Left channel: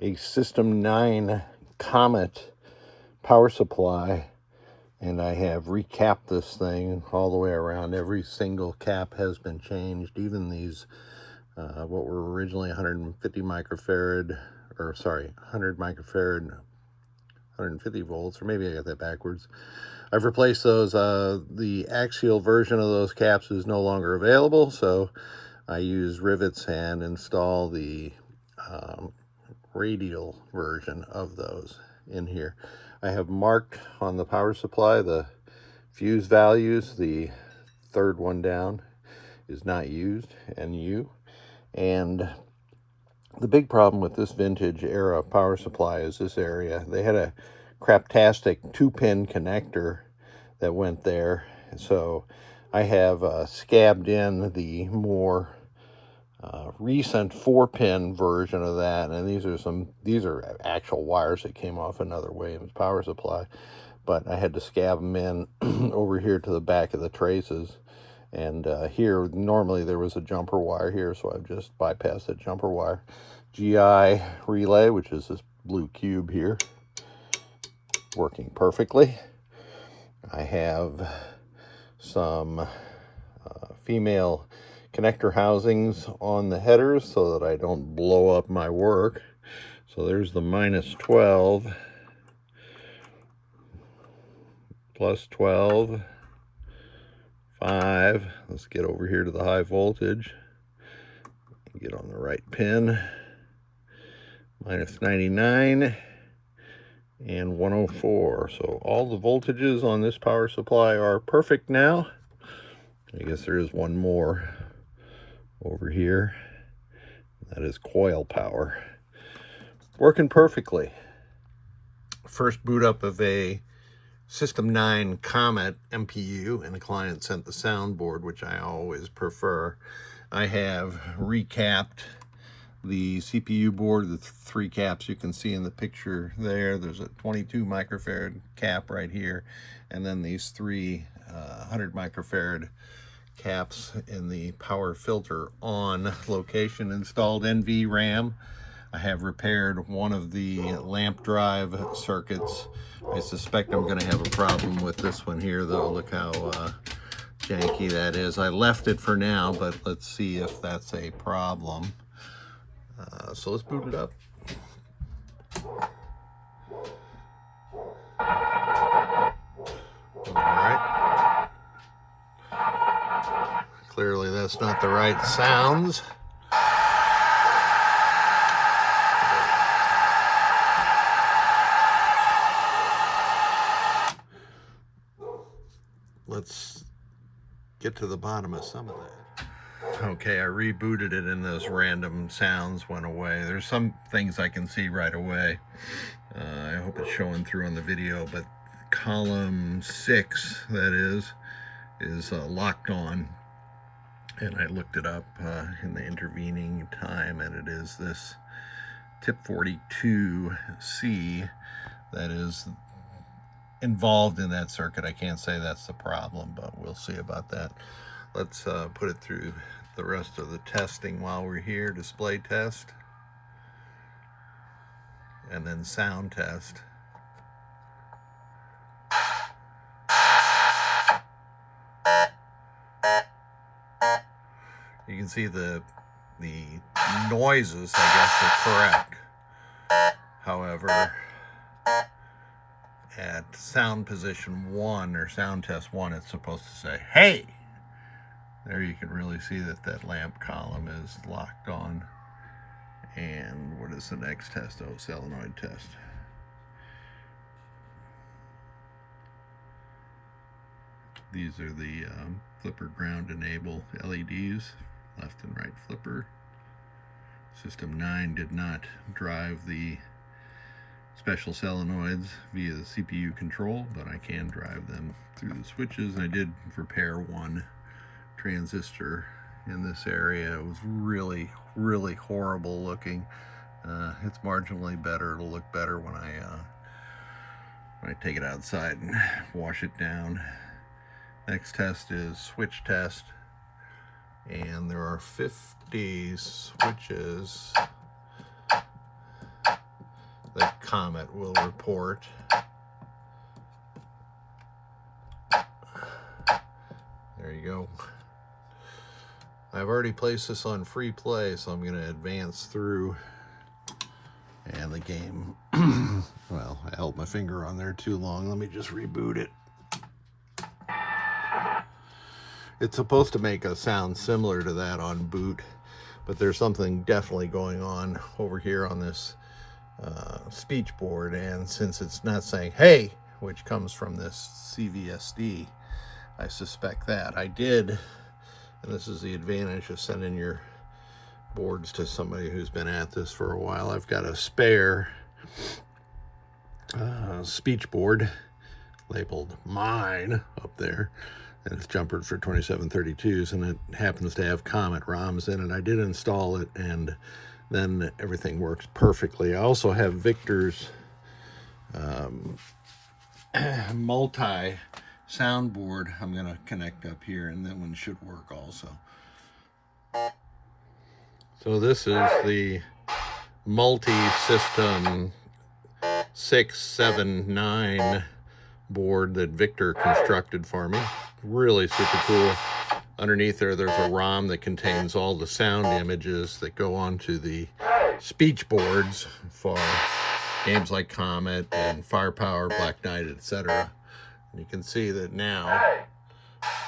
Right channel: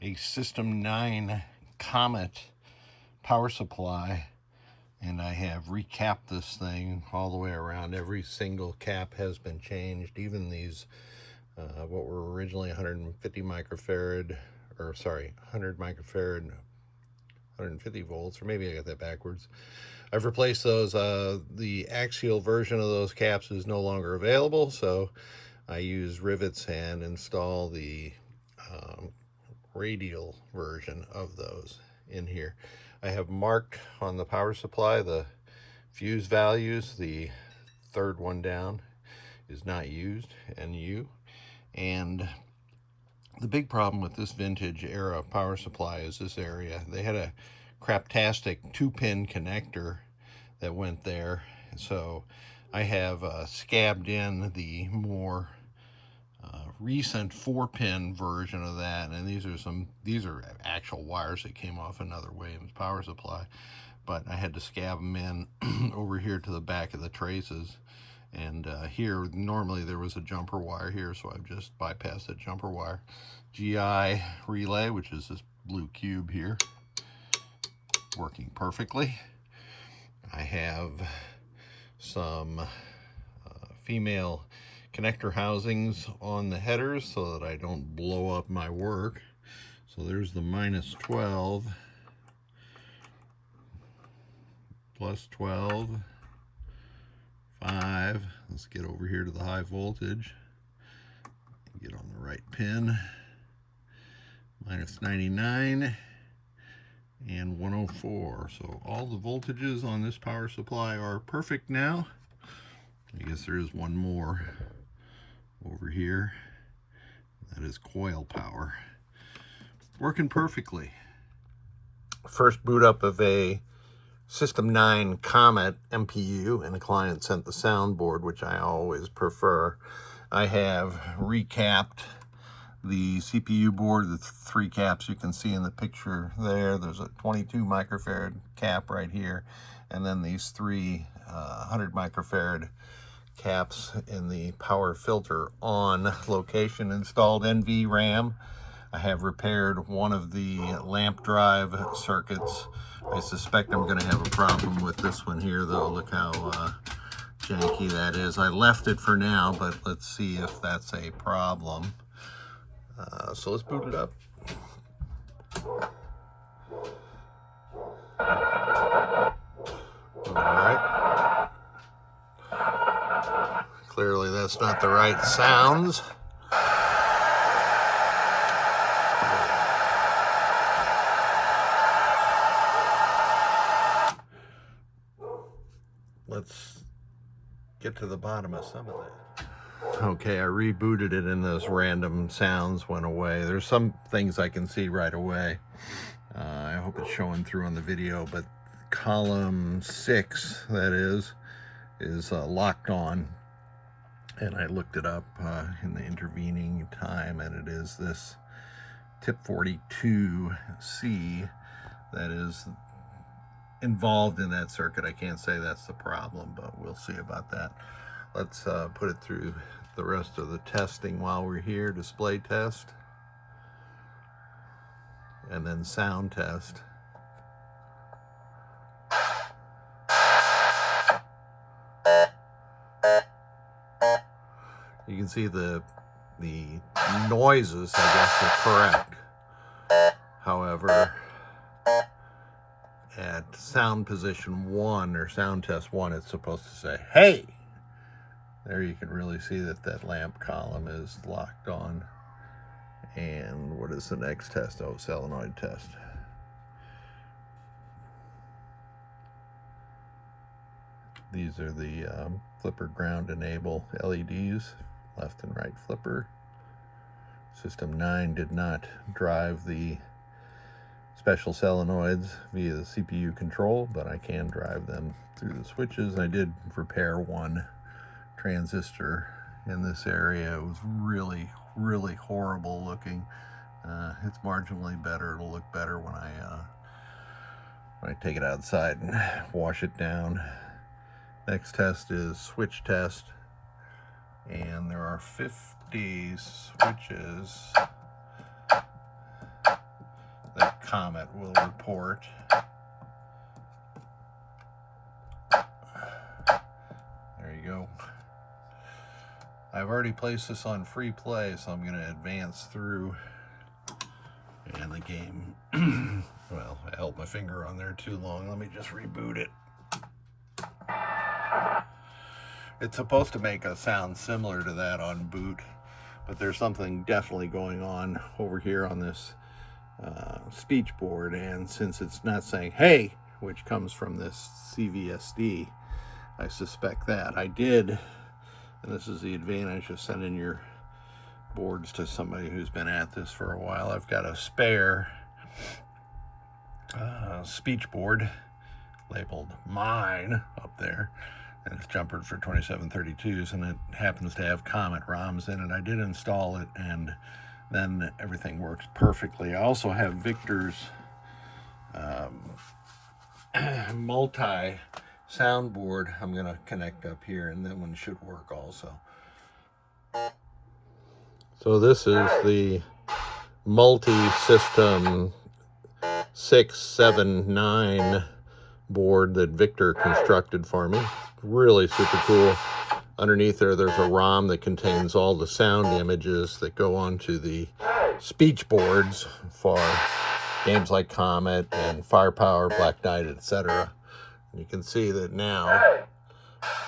a System 9 Comet power supply, and I have recapped this thing all the way around. Every single cap has been changed, even these what were originally 150 microfarad, or sorry, 100 microfarad, 150 volts, or maybe I got that backwards. I've replaced those. The axial version of those caps is no longer available, so I use rivets and install the radial version of those in here. I have marked on the power supply the fuse values. The third one down is not used, NU. And the big problem with this vintage era power supply is this area. They had a craptastic 2-pin connector that went there. So I have scabbed in the more recent 4-pin version of that, and these are actual wires that came off another Williams power supply, but I had to scab them in over here to the back of the traces. And here, normally there was a jumper wire here, so I've just bypassed that jumper wire. GI relay, which is this blue cube here, working perfectly. I have some female connector housings on the headers so that I don't blow up my work. So there's the -12, +12, 5. Let's get over here to the high voltage. Get on the right pin. -99 and 104. So all the voltages on this power supply are perfect now. I guess there is one more over here. That is coil power. Working perfectly. First boot up of a System 9 Comet MPU, and the client sent the soundboard, which I always prefer. I have recapped the CPU board, the 3 caps you can see in the picture there. There's a 22 microfarad cap right here, and then these 3 100 microfarad caps in the power filter on location. Installed NV RAM. I have repaired one of the lamp drive circuits. I suspect I'm going to have a problem with this one here, though. Look how janky that is. I left it for now, but let's see if that's a problem. So let's boot it up. All right. Clearly that's not the right sounds. Let's get to the bottom of some of that. Okay, I rebooted it and those random sounds went away. There's some things I can see right away. I hope it's showing through on the video, but column 6, that is locked on. And I looked it up in the intervening time, and it is this tip 42C that is involved in that circuit. I can't say that's the problem, but we'll see about that. Let's put it through the rest of the testing while we're here. Display test, and then sound test. You can see the noises, I guess, are correct. However, at sound position 1 or sound test 1, it's supposed to say, hey! There you can really see that lamp column is locked on. And what is the next test? Oh, solenoid test. These are the flipper ground enable LEDs, left and right flipper. System 9 did not drive the special solenoids via the CPU control, but I can drive them through the switches. I did repair one transistor in this area. It was really, really horrible looking. It's marginally better. It'll look better when I take it outside and wash it down. Next test is switch test, and there are 50 switches Comet will report. There you go. I've already placed this on free play, so I'm going to advance through. And the game, well, I held my finger on there too long. Let me just reboot it. It's supposed to make a sound similar to that on boot, but there's something definitely going on over here on this speech board. And since it's not saying hey, which comes from this CVSD, I suspect that. I did, and this is the advantage of sending your boards to somebody who's been at this for a while. I've got a spare speech board labeled mine up there, and it's jumpered for 2732s, and it happens to have Comet ROMs in it. I did install it, and then everything works perfectly. I also have Victor's multi soundboard I'm going to connect up here, and that one should work also. So this is the multi-system 6, 7, 9 board that Victor constructed for me. Really super cool. Underneath there's a ROM that contains all the sound images that go onto the speech boards for games like Comet and Firepower, Black Knight, etc. And you can see that now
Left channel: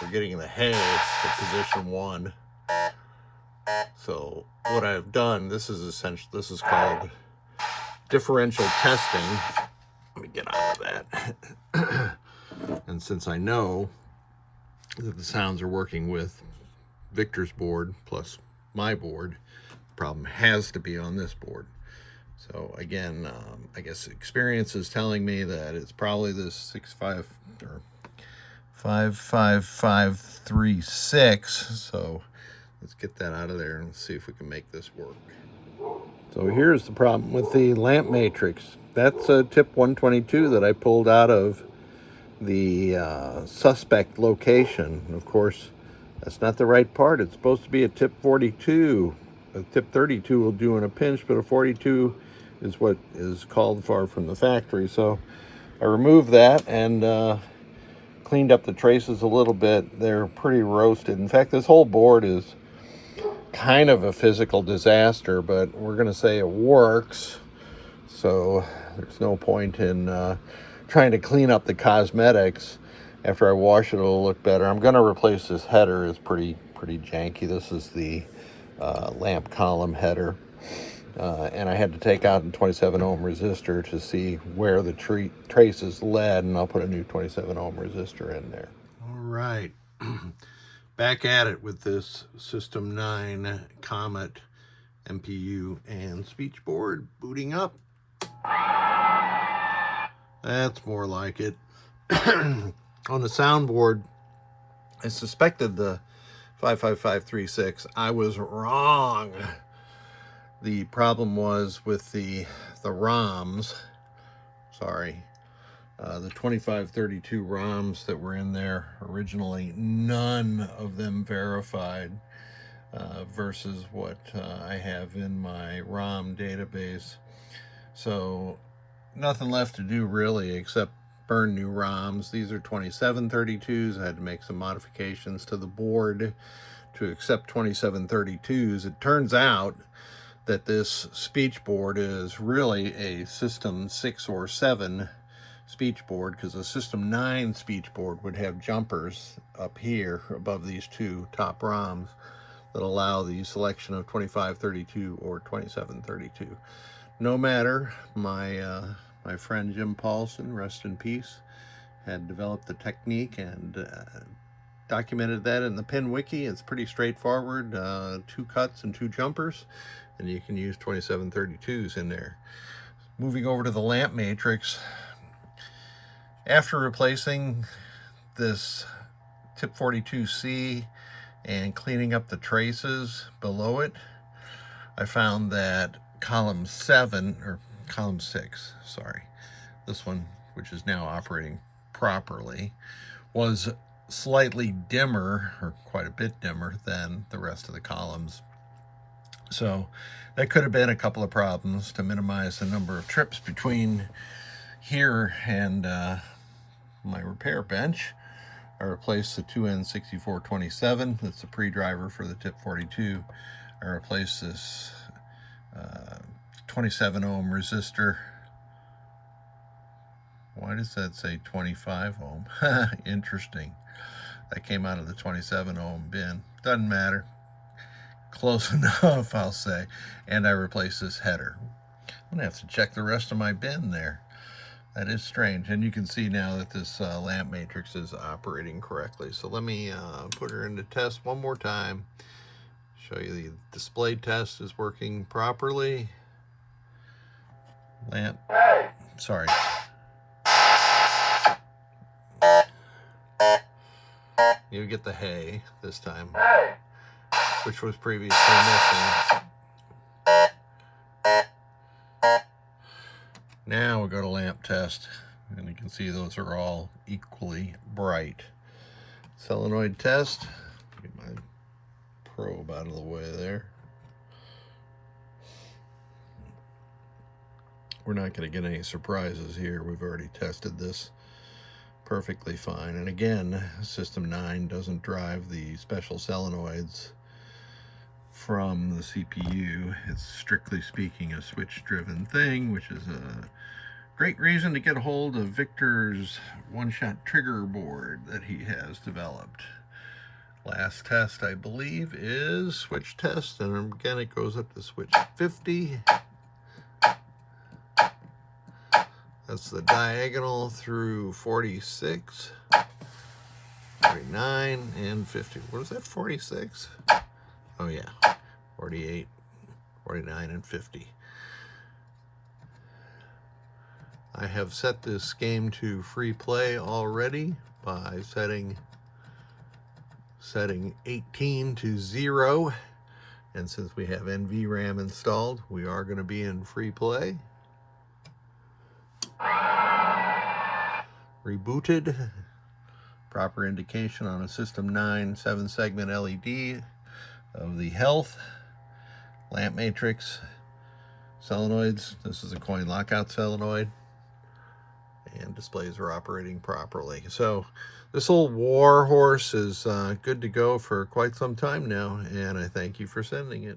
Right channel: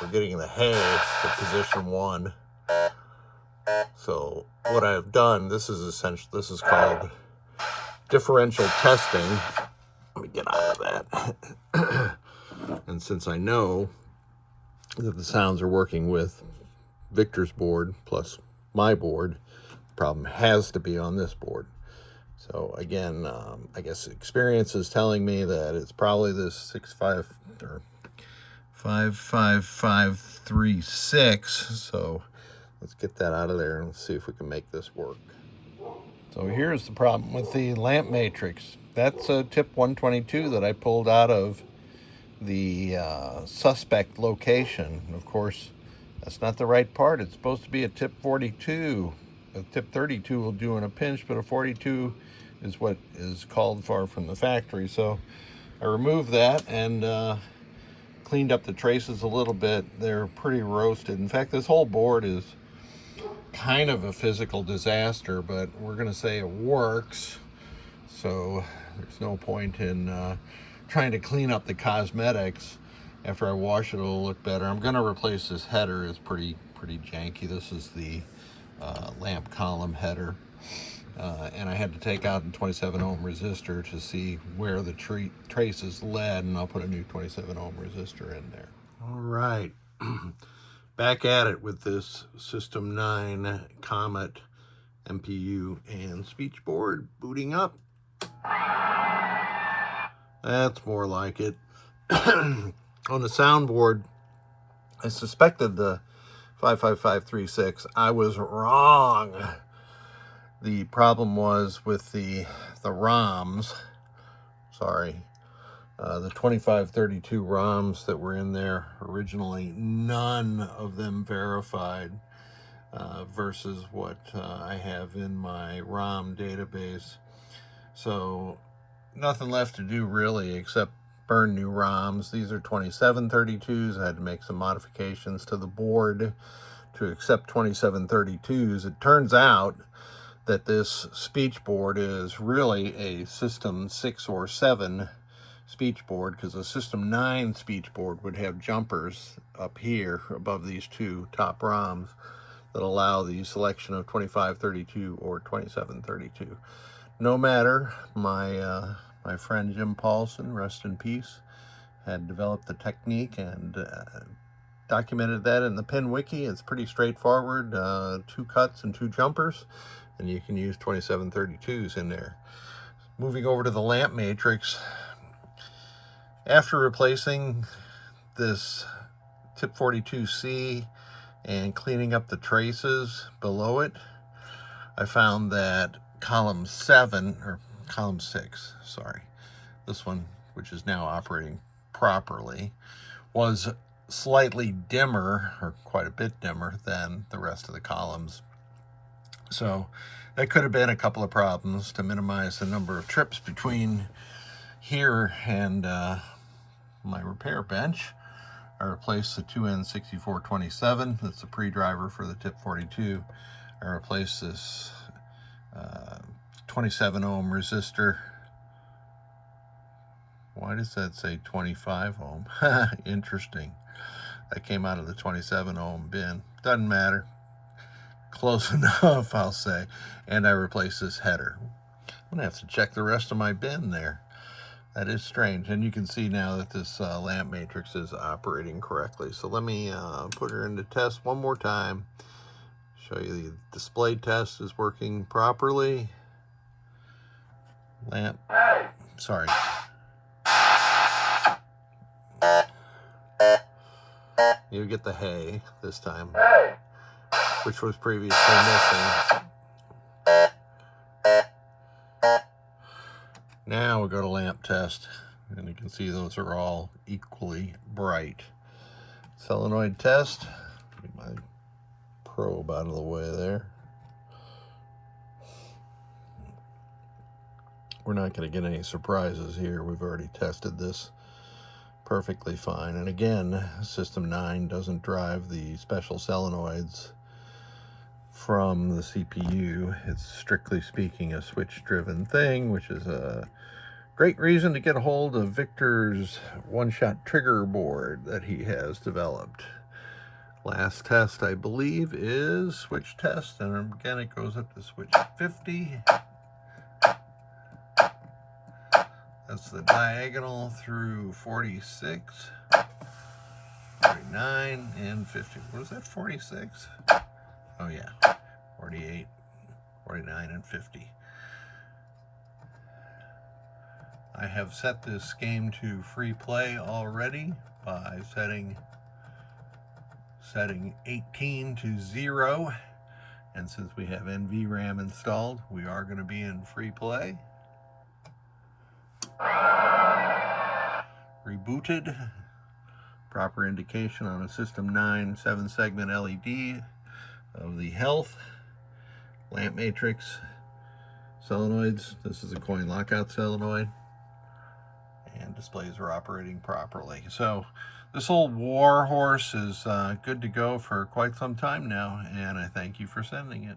we're getting the hey to position 1. So what I've done, this is called differential testing. Let me get out of that. And since I know that the sounds are working with Victor's board plus my board, the problem has to be on this board. So again, I guess experience is telling me that it's probably this 55536. So let's get that out of there and see if we can make this work. So here's the problem with the lamp matrix. That's a tip 122 that I pulled out of the suspect location. Of course, that's not the right part. It's supposed to be a tip 42. A tip 32 will do in a pinch, but a 42 is what is called for from the factory. So I removed that and cleaned up the traces a little bit. They're pretty roasted. In fact, this whole board is kind of a physical disaster, but we're going to say it works. So there's no point in trying to clean up the cosmetics. After I wash it, it'll look better. I'm going to replace this header. It's pretty janky. This is the lamp column header. And I had to take out a 27 ohm resistor to see where the traces led, and I'll put a new 27 ohm resistor in there. All right. Back at it with this System 9 Comet MPU and speech board booting up. That's more like it. On the soundboard, I suspected the 55536. I was wrong. The problem was with the ROMs. Sorry. The 2532 ROMs that were in there originally, none of them verified versus what I have in my ROM database. So nothing left to do really except burn new ROMs. These are 2732s. I had to make some modifications to the board to accept 2732s. It turns out that this speech board is really a System 6 or 7 speech board, because a System 9 speech board would have jumpers up here above these two top ROMs that allow the selection of 2532 or 2732. No matter, my friend Jim Paulson, rest in peace, had developed the technique and documented that in the pin wiki. It's pretty straightforward, 2 cuts and 2 jumpers, and you can use 2732s in there. Moving over to the lamp matrix, after replacing this tip 42C and cleaning up the traces below it, I found that column 6, sorry, this one, which is now operating properly, was slightly dimmer, or quite a bit dimmer, than the rest of the columns. So That could have been a couple of problems. To minimize the number of trips between here and my repair bench, I replaced the 2N6427. That's the pre-driver for the tip 42. I replaced this 27 ohm resistor. Why does that say 25 ohm? Interesting. That came out of the 27 ohm bin. Doesn't matter. Close enough, I'll say. And I replaced this header. I'm gonna have to check the rest of my bin there. That is strange. And you can see now that this lamp matrix is operating correctly. So let me put her into test one more time. Show you the display test is working properly. Lamp. Sorry. You get the hay this time, which was previously missing. Now we'll go to lamp test, and you can see those are all equally bright. Solenoid test. Get my probe out of the way there. We're not going to get any surprises here. We've already tested this perfectly fine. And again, System 9 doesn't drive the special solenoids from the CPU. It's strictly speaking a switch-driven thing, which is a great reason to get a hold of Victor's one-shot trigger board that he has developed. Last test, I believe, is switch test, and again, it goes up to switch 50. That's the diagonal through 46, 49, and 50. What is that, 46? Oh yeah, 48, 49, and 50. I have set this game to free play already by setting 18 to 0. And since we have NVRAM installed, we are going to be in free play. Rebooted. Proper indication on a System 9 7-segment LED of the health. Lamp matrix. Solenoids. This is a coin lockout solenoid. And displays are operating properly. So this old war horse is good to go for quite some time now, and I thank you for sending it.